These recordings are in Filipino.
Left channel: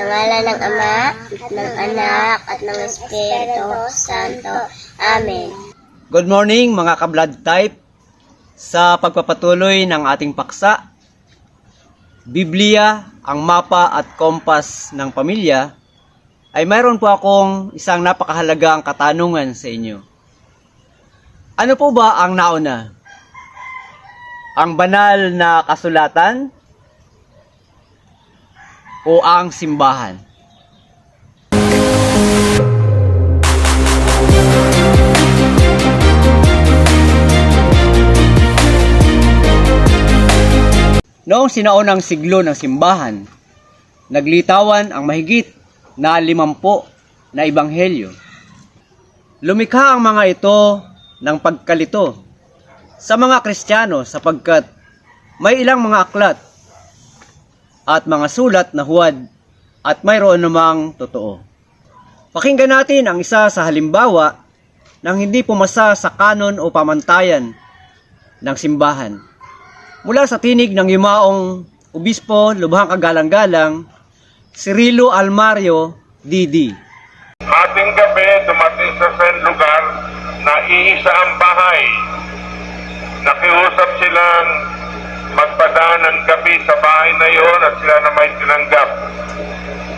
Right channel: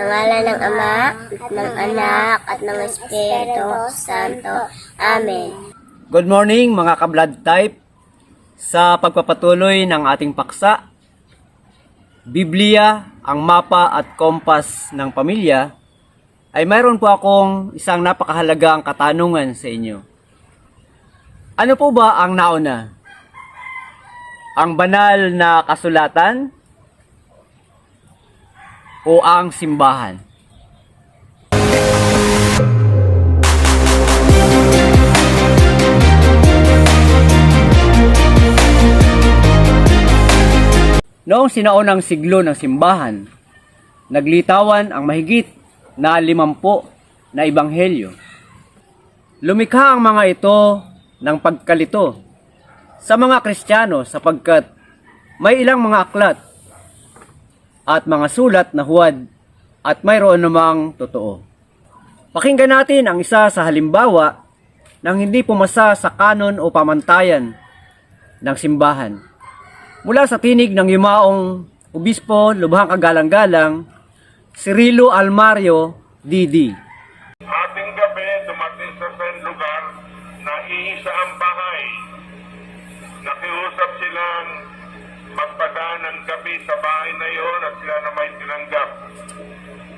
Sa ngalan ng Ama, ng Anak, at ng Espiritu Santo. Amen. Good morning mga ka-blood type. Sa pagpapatuloy ng ating paksa, Biblia, ang mapa at kompas ng pamilya, ay mayroon po akong isang napakahalagang katanungan sa inyo. Ano po ba ang nauna? Ang banal na kasulatan o ang simbahan? Noong sinaunang siglo ng simbahan, naglitawan ang mahigit na 50 na ebanghelyo. Lumikha ang mga ito ng pagkalito sa mga Kristiyano sapagkat may ilang mga aklat at mga sulat na huwad at mayroon namang totoo. Pakinggan natin ang isa sa halimbawa ng hindi pumasa sa kanon o pamantayan ng simbahan. Mula sa tinig ng yumaong obispo, lubhang kagalang-galang, Cirilo Almario, D.D. Ating gabi dumating sa lugar na iisa ang bahay. Nakiusap silang magpadaan ng gabi sa bahay na iyon at sila na may tinanggap.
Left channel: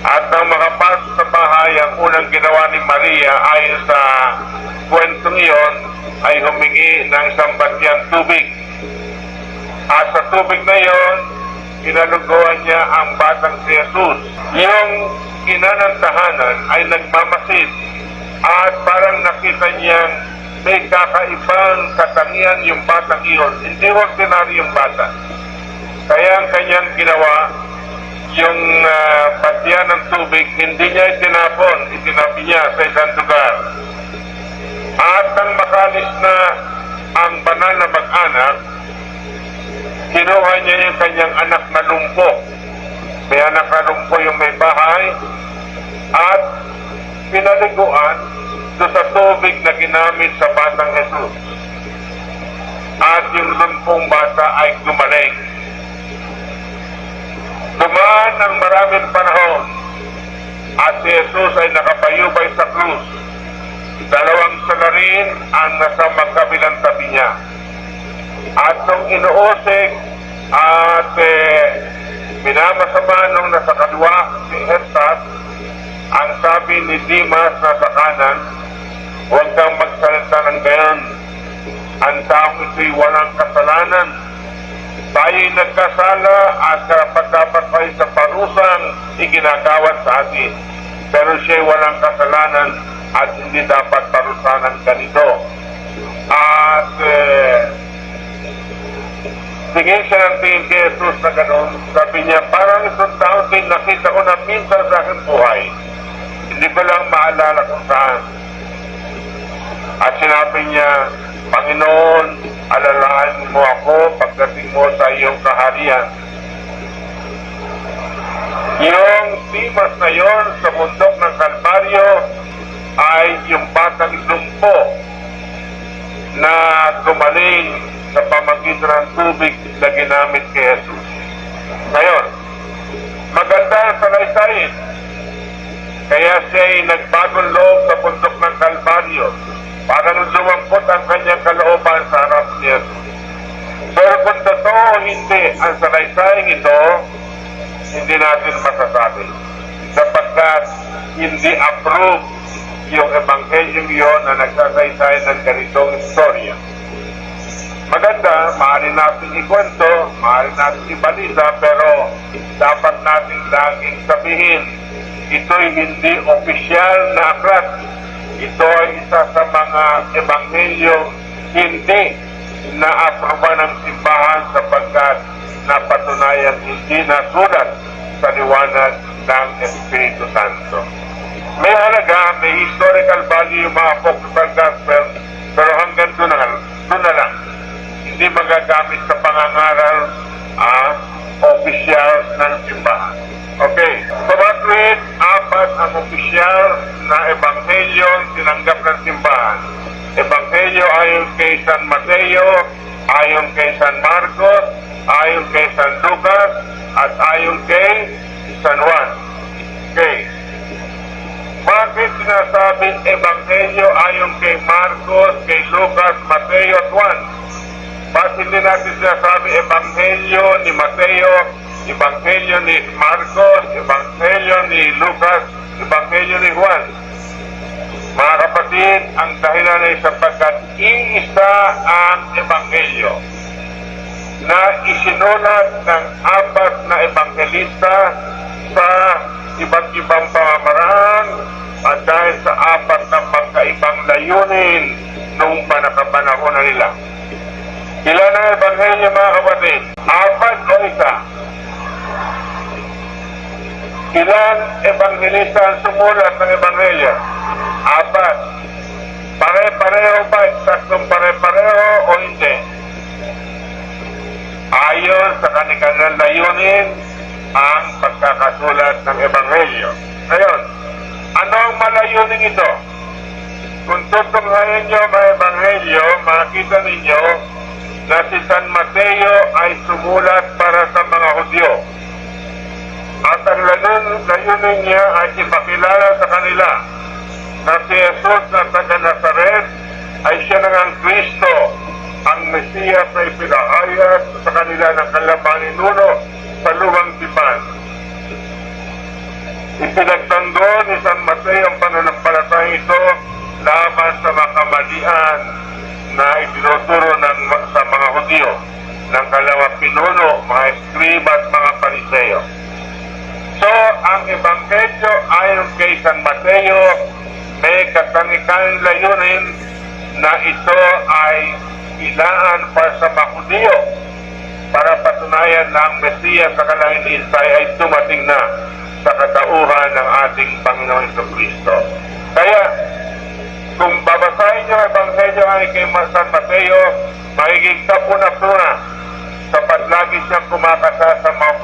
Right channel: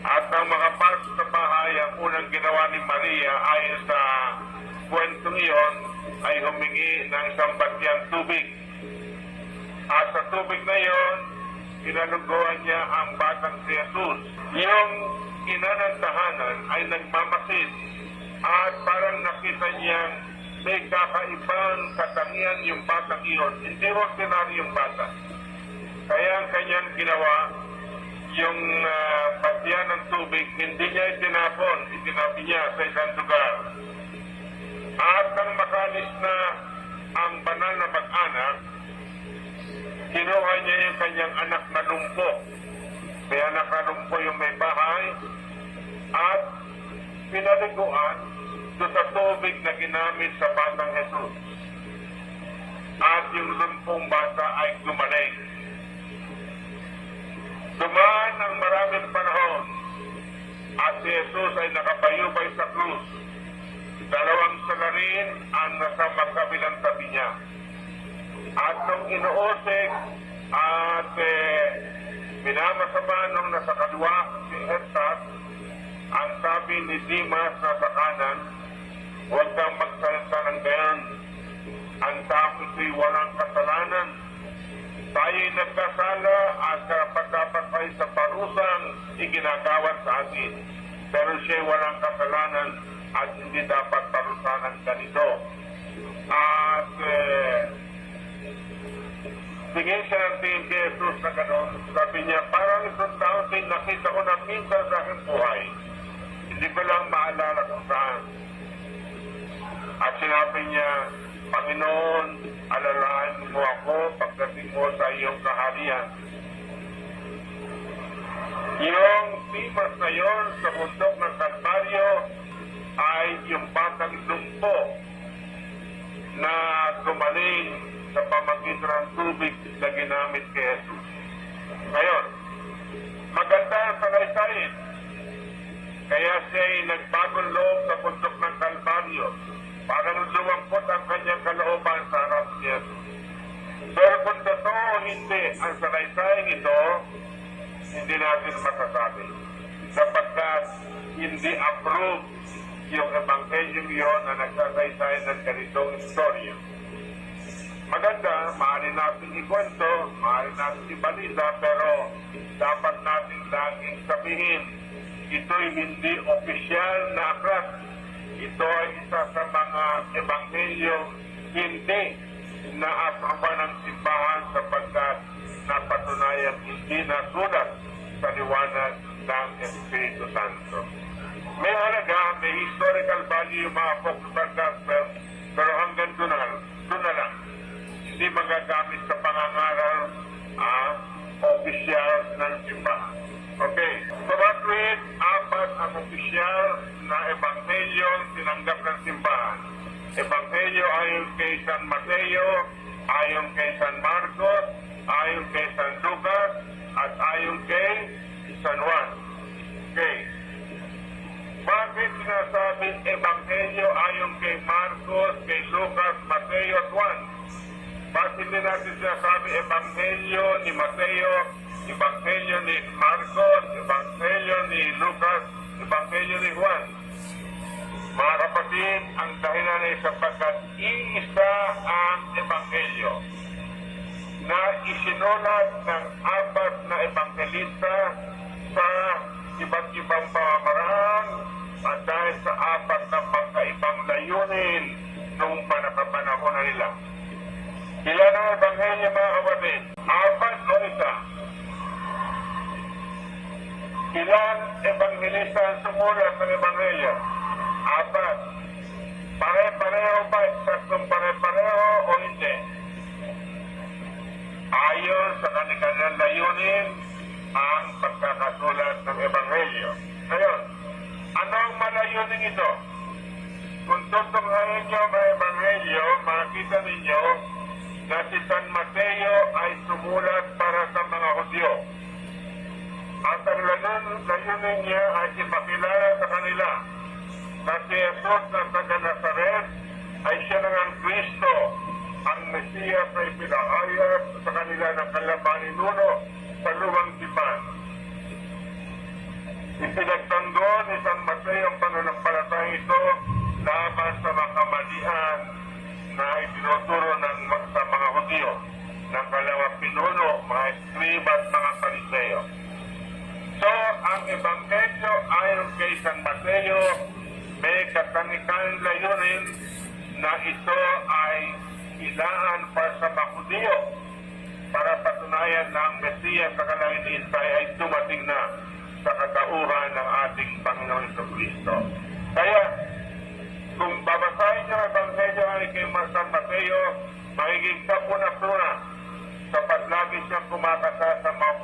At nang makapasok sa bahay, ang unang ginawa ni Maria ayon sa kwentong iyon ay humingi ng isang batyang tubig. At sa tubig na iyon, inaluguan niya ang batang si Jesus. Yung ina ng tahanan ay nagmamasid at parang nakita niyang may kakaibang katangian yung batang iyon. Hindi ordinary yung bata. Kaya ang kanyang ginawa, yung batya ng tubig, hindi niya itinapon, itinabi niya sa isang lugar. At nang makalis na ang banal na mag-anak, kinuha niya yung kanyang anak na lumpo. May anak na lumpo yung may bahay at pinaliguan doon sa tubig na ginamit sa batang Jesus. At yung lumpong bata ay gumaling. Dumaan ang maraming panahon at si Jesus ay nakapayubay sa krus. Dalawang salarin ang nasa magkabilang tabi niya. At nung inuusig at minamasama nung nasa kaliwa si Jesus, ang sabi ni Dimas na sa kanan, huwag kang magsalita ng gayon. Ang taong ito'y walang kasalanan. Tayo'y nagkasala at karapat-dapat tayo sa parusang iginagawad sa atin. Pero siya'y walang kasalanan at hindi dapat parusanan ganito. At tingin siya ng tingin kay Jesus na gano'n. Sabi niya, parang isang taon din nakita ko na minsan sa aking buhay. Hindi ko lang maalala kung saan. At sinabi niya, Panginoon, alalahan mo ako pagdating mo sa iyong kaharian. Yung Dimas na yon sa bundok ng Kalbaryo ay yung batang lumpo na gumaling sa pamagitan ng tubig na ginamit kay Jesus. Ngayon, maganda ang salay-sayin. Kaya siya ay nagbagong loob sa bundok ng Kalbaryo. Parang lumampot ang kanyang kalooban sa harap ni Jesus. Pero kung totoo hindi ang salaysaying ito, hindi natin masasabi. Sapagkat hindi approve yung ebanghelyong iyon na nagsasaysayan ng ganitong istorya. Maganda, maaari natin ikwento, maaari natin ibalita, pero dapat natin laging sabihin, ito'y hindi opisyal na aklat. Ito ay isa sa mga ebanghelyo hindi na-aproba ng simbahan sapagkat napatunayan hindi nasulat sa liwanag ng Espiritu Santo. May halaga, may historical value yung mga apocryphal gospel, pero hanggang doon na lang. Hindi magagamit sa pangangaral opisyal ng simbahan. Okay, so matuwid, 4 ang opisyal na ebanghelyo tinanggap ng simbahan. Ebanghelyo ayon kay San Mateo, ayon kay San Marcos, ayon kay San Lucas, at ayon kay San Juan. sinasabing ebanghelyo ayon kay Marcos, kay Lucas, Mateo at Juan? Bakit hindi natin sinasabi ebanghelyo ni Mateo, ebanghelyo ni Marcos, ebanghelyo ni Lucas, ebanghelyo ni Juan? Mga kapatid, ang dahilan ay sapagkat iisa ang ebanghelyo na isinulat ng apat na ebanghelista sa iba't ibang pamamaraan at dahil sa apat na magkaibang layunin noong panakapanahon na nila. Ilan ang ebanghelyo, mga kapatid? Apat o isa? Ilan ebanghelista ang sumulat ng ebanghelyo? Apat. Pare-pareho ba? Saktong pare-pareho o hindi? Ayon sa kanilang layunin ang pagkakasulat ng ebanghelyo. Ngayon, ano ang malayunin ito? Kung tutunghayan nyo ang ebanghelyo, makikita ninyo na si San Mateo ay sumulat para sa mga Hudyo. At ang layunin niya ay ipakilala sa kanila na si Jesus na taga Nazaret ay siya ng Kristo, ang Mesiyas na ipinahayag sa kanila ng kanilang ninuno sa luwang tipan. Ipinagtanggol ni San Mateo ang pananampalatayang ito laban sa mga kamalian na itinuturo sa mga Hudyo ng kanilang pinuno, mga eskriba at mga pariseo. So, ang ebanghelyo ayon kay San Mateo may katangikan layunin na ito ay ilaan para sa mga Hudyo para patunayan na ang Mesiyas sa kanilang inintay ay dumating na sa katauhan ng ating Panginoon Jesucristo. Kaya, kung babasahin niyo ang ebanghelyo ay kay San Mateo, magiging kapuna-puna sapat lagi siyang kumakasa sa mga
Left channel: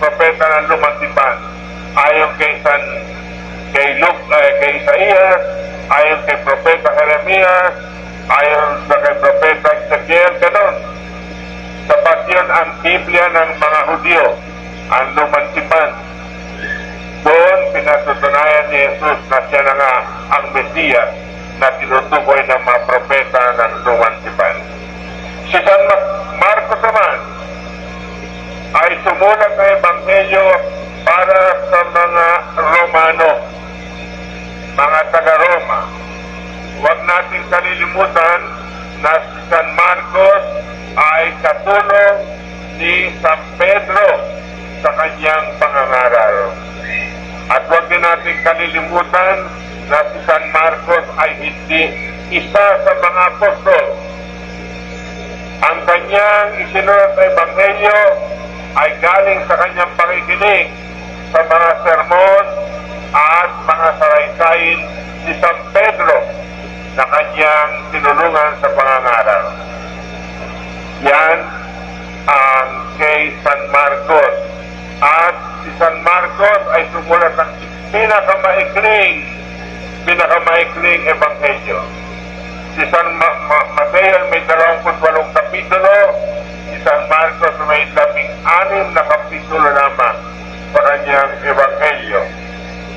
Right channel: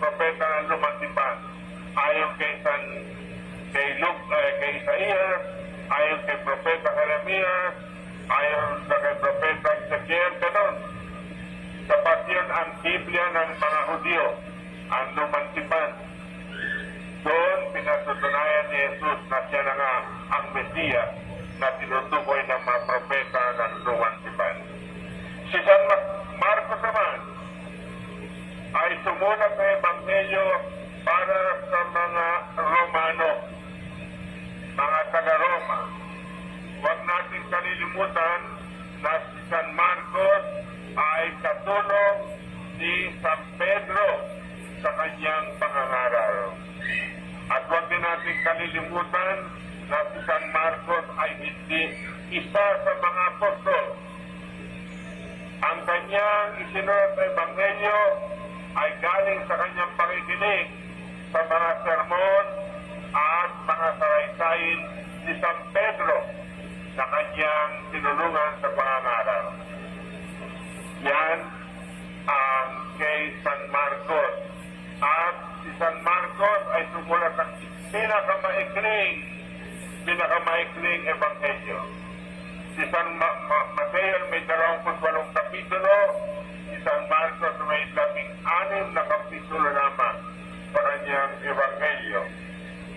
propeta ng lumang tipan. Ayon kay kay Isaías, ayon kay propeta Jeremias, ayon sa kay propeta Ezekiel, ganon. Sapat yun ang Biblia ng mga Hudyo, ang lumang tipan. Doon pinatutunayan ni Jesus na siya na nga ang Mesiyas na tinutukoy ng mga propeta ng lumang tipan. Si San Marcos naman ay sumulat ng ebanghelyo para sa mga Romano, mga taga-Roma. Huwag natin kalilimutan na si San Marcos ay katulong ni San Pedro sa kanyang pangangaral. At huwag din natin kalilimutan na si San Marcos ay hindi isa sa mga apostol. Ang kanyang isinulat na ebanghelyo ay galing sa kanyang pakikinig sa mga sermon at mga saraysayin ni San Pedro na kanyang tinulungan sa pangangaral. Yan ang kay San Marcos. At si San Marcos ay sumulat ng pinakamaikling ebanghelyo. Si San Mateo may 28 kapitulo, si San Marcos may 16 na kapitulo lamang sa kanyang ebanghelyo.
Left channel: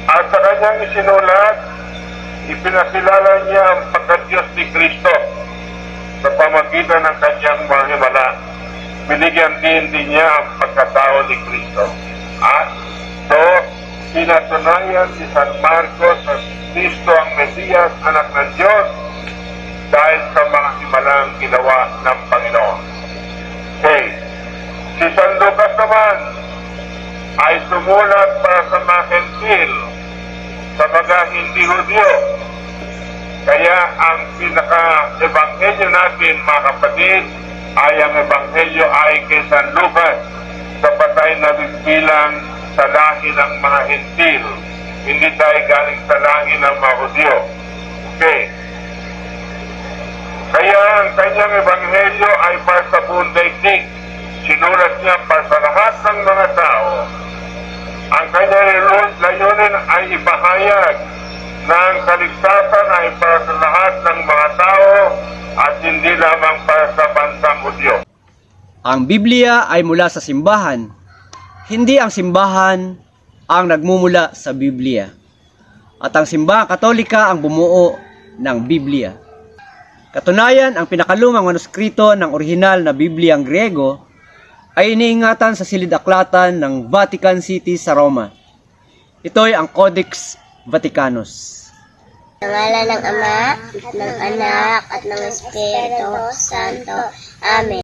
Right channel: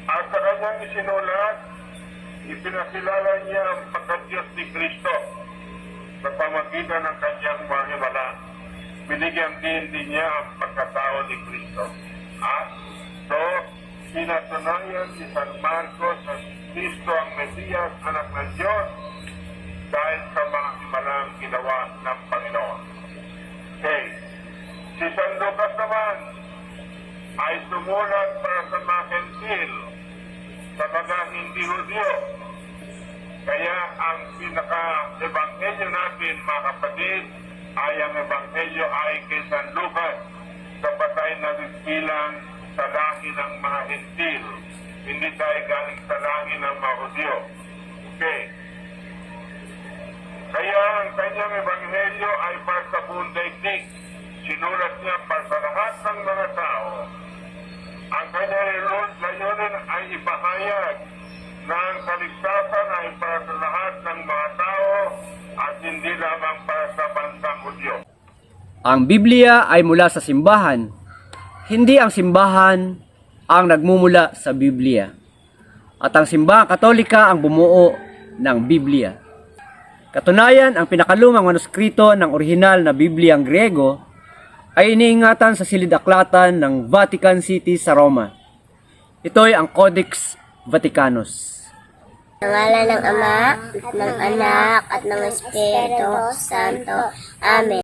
At sa kanyang isinulat, ipinakilala niya ang pagka-Diyos ni Kristo sa pamagitan ng kanyang mga himala. Binigyan din niya ang pagkatao ni Kristo. At so, pinatunayan ni San Marcos na si Kristo ang Mesiyas, anak ng Diyos, dahil sa mga himalang ginawa ng Panginoon. Okay. Si San Lucas naman ay sumulat para sa mga Hentil, sa mga hindi Hudyo. Kaya ang pinaka-ebanghelyo natin, mga kapatid, ay ang ebanghelyo ay kay San Lucas sa patay na bilang sa lahi ng mga Hentil. Hindi tayo galing sa lahi ng mga Hudyo. Okay. Kaya ang kanyang ebanghelyo ay para sa buong daigdig. Sinulat niya para sa lahat ng mga tao. Ang kanyang layunin ay ipahayag na ang kaligtasan ay para sa lahat ng mga tao at hindi lamang para sa bansang Hudyo. Ang Biblia ay mula sa simbahan. Hindi ang simbahan ang nagmumula sa Biblia. at ang simbahang Katolika ang bumuo ng Biblia. Katunayan, ang pinakalumang manuskrito ng orihinal na Bibliang Griego ay iniingatan sa silid-aklatan ng Vatican City sa Roma. Ito'y ang Codex Vaticanus. Sa ngalan ng Ama, at ng Anak, at ng Espiritu Santo. Amen.